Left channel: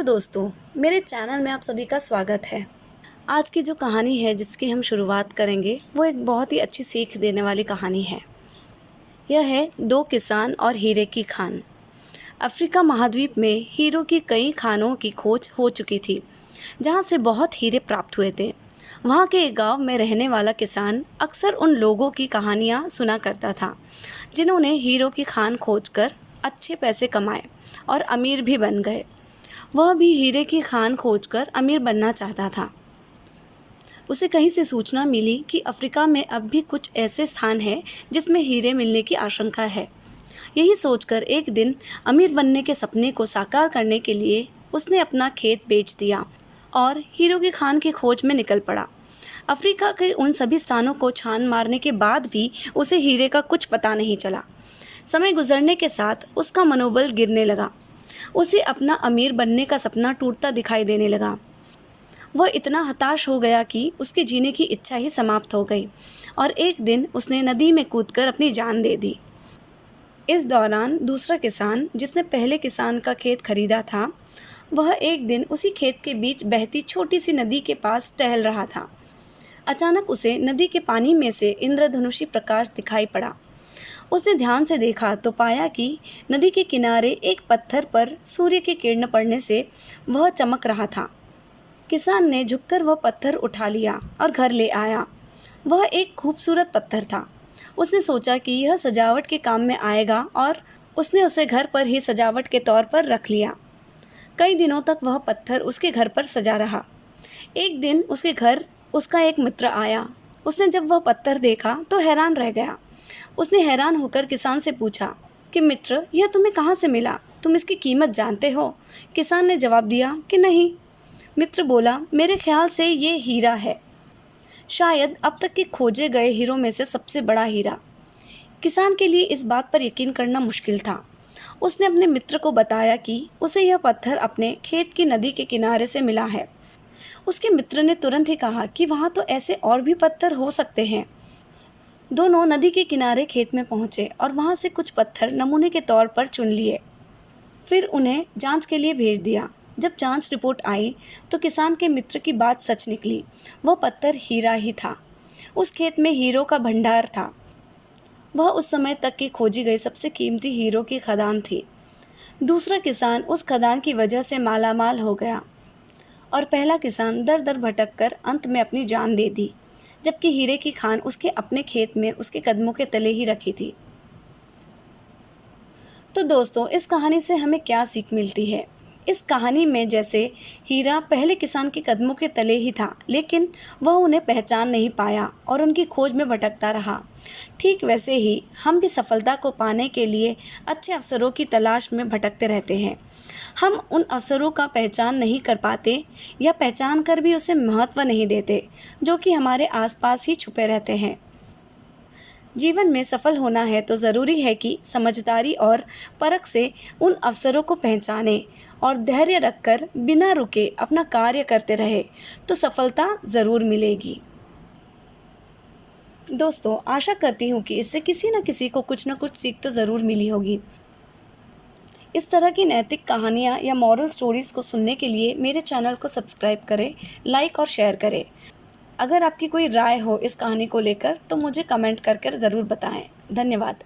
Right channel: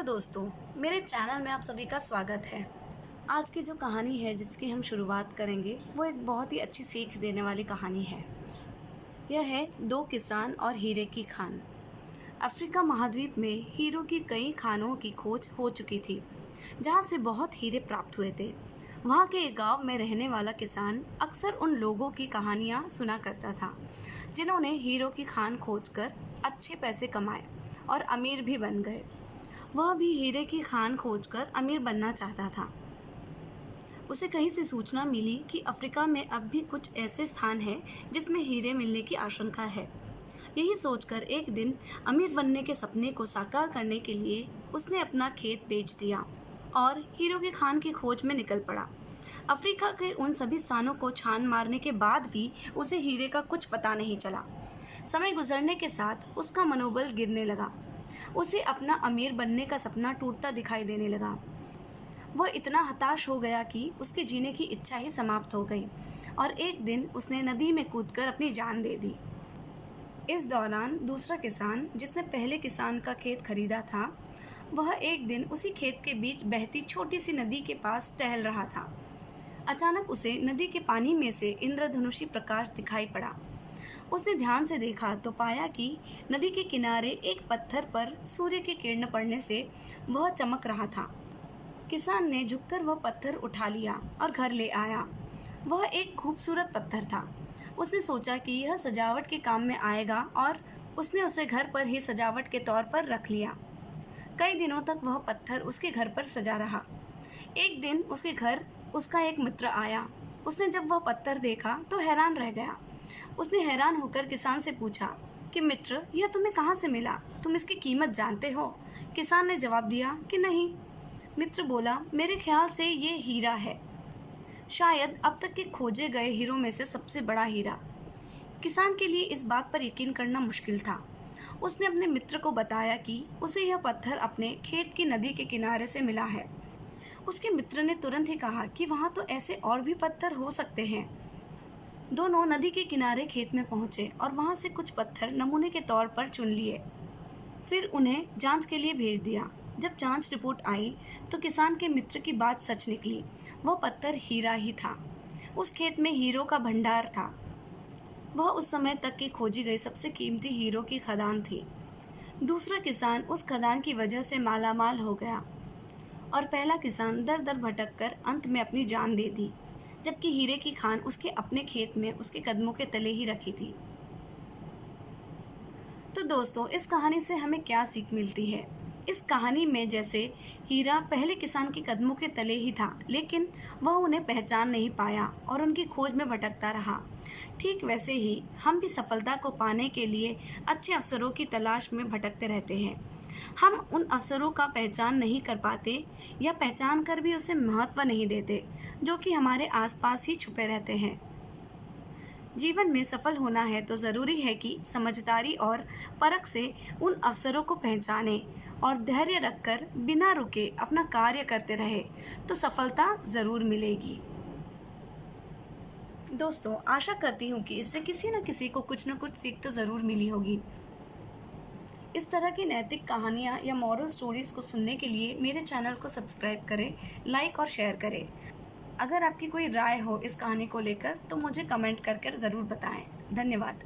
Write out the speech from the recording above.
Hello दोस्तों, मेरे channel में आप सभी का स्वागत है। आज की जो कहानी है जिसकी हम शुरुआत करेंगे वो एक बहुत ही अच्छी सीख देने वाली कहानी है। यह है दो किसान और हीरे की खान। अफ्रीका महाद्वीप में हीरो की कई खानों की खोज हो चुकी थी, जहाँ से बहुत हीरे प्राप्त हुए थे। वहाँ के एक गांव में रहने वाला किसान अक्सर उन लोगों की कहानियाँ सुना करता था, जिन्होंने हीरो की खान खोजकर अच्छे पैसे कमाए और अमीर भी बन गए। वह भी हीरे की खान खोजकर अमीर बनना चाहता था। उसे कहीं से सूचना मिली कि अफ्रीका में अब भी कुछ ऐसे स्थान हैं जिसमें हीरे मिलने की आशंका है। यही सोचकर एक दिन अमीर बनने के सपने को साकार करने के लिए उसने अपना खेत बेच दिया और हीरो की खान की खोज में निकल पड़ा। अफ्रीका के उन सभी स्थानों को छान मारने के बाद भी उसे हीरे का कुछ पता नहीं चला। समय गुजरने के साथ उसका मनोबल गिरने लगा। उसे अपना अमीर बनने का सपना टूटता दिखाई देने लगा। वह इतना हताश हो गया कि उसके जीने की इच्छा ही समाप्त हो गई और एक दिन उसने नदी में कूदकर अपनी जान दे दी। इस दौरान दूसरा किसान, जिसने पहले किसान का खेत खरीदा था, वह एक दिन उसी खेत के बीच बहती छोटी सी नदी के पास टहल रहा था। अचानक उसे नदी के पानी में से इंद्रधनुषी प्रकाश दिखाई पड़ा। उसने ध्यान से देखा तो पाया कि नदी के किनारे एक पत्थर पर सूर्य की किरण पड़ने से वह चमक रहा था। किसान ने झुककर वह पत्थर उठा लिया और घर ले आया। वह एक खूबसूरत पत्थर था। उसने सोचा कि यह सजावट के काम में आएगा और उसने उसे घर पर ही सजावट के तौर पर रख लिया। कई दिनों तक वह पत्थर उसके घर पर सजा रहा। एक दिन उसके घर उसका एक मित्र आया। उसने जब वह पत्थर देखा तो हैरान रह गया। उसने हैरान होकर किसान से पूछा कि मित्र, यह तुम्हें कहाँ से मिला? तुम इसकी कीमत जानते हो? किसान ने जवाब दिया कि नहीं। मित्र बोला, मेरे ख्याल से ये हीरा है, शायद अब तक के खोजे गए हीरों में से सबसे बड़ा हीरा। किसान के लिए इस बात पर यकीन करना मुश्किल था। उसने अपने मित्र को बताया कि उसे यह पत्थर अपने खेत की नदी के किनारे से मिला है। उसके मित्र ने तुरंत ही कहा कि वहाँ तो ऐसे और भी पत्थर हो सकते हैं। दोनों नदी के किनारे खेत में पहुंचे और वहां से कुछ पत्थर नमूने के तौर पर चुन लिए। फिर उन्हें जांच के लिए भेज दिया। जब जांच रिपोर्ट आई तो किसान के मित्र की बात सच निकली। वो पत्थर हीरा ही था। उस खेत में हीरो का भंडार था। वह उस समय तक की खोजी गई सबसे कीमती हीरो की खदान थी। दूसरा किसान उस खदान की वजह से मालामाल हो गया और पहला किसान दर दर भटक कर अंत में अपनी जान दे दी, जबकि हीरे की खान उसके अपने खेत में उसके कदमों के तले ही रखी थी। तो दोस्तों, इस कहानी से हमें क्या सीख मिलती है? इस कहानी में जैसे हीरा पहले किसान के कदमों के तले ही था, लेकिन वह उन्हें पहचान नहीं पाया और उनकी खोज में भटकता रहा। ठीक वैसे ही हम भी सफलता को पाने के लिए अच्छे अवसरों की तलाश में भटकते रहते हैं। हम उन अवसरों का पहचान नहीं कर पाते या पहचान कर भी उसे महत्व नहीं देते, जो कि हमारे आसपास ही छुपे रहते हैं। जीवन में सफल होना है तो ज़रूरी है कि समझदारी और परख से उन अवसरों को पहचाने और धैर्य रखकर बिना रुके अपना कार्य करते रहे, तो सफलता ज़रूर मिलेगी। दोस्तों, आशा करती हूँ कि इससे किसी न किसी को कुछ न कुछ सीख तो ज़रूर मिली होगी। इस तरह की नैतिक कहानियाँ या मॉरल स्टोरीज़ को सुनने के लिए मेरे चैनल को सब्सक्राइब करें, लाइक और शेयर करें। अगर आपकी कोई राय हो इस कहानी को लेकर तो मुझे कमेंट कर ज़रूर बताएं। धन्यवाद।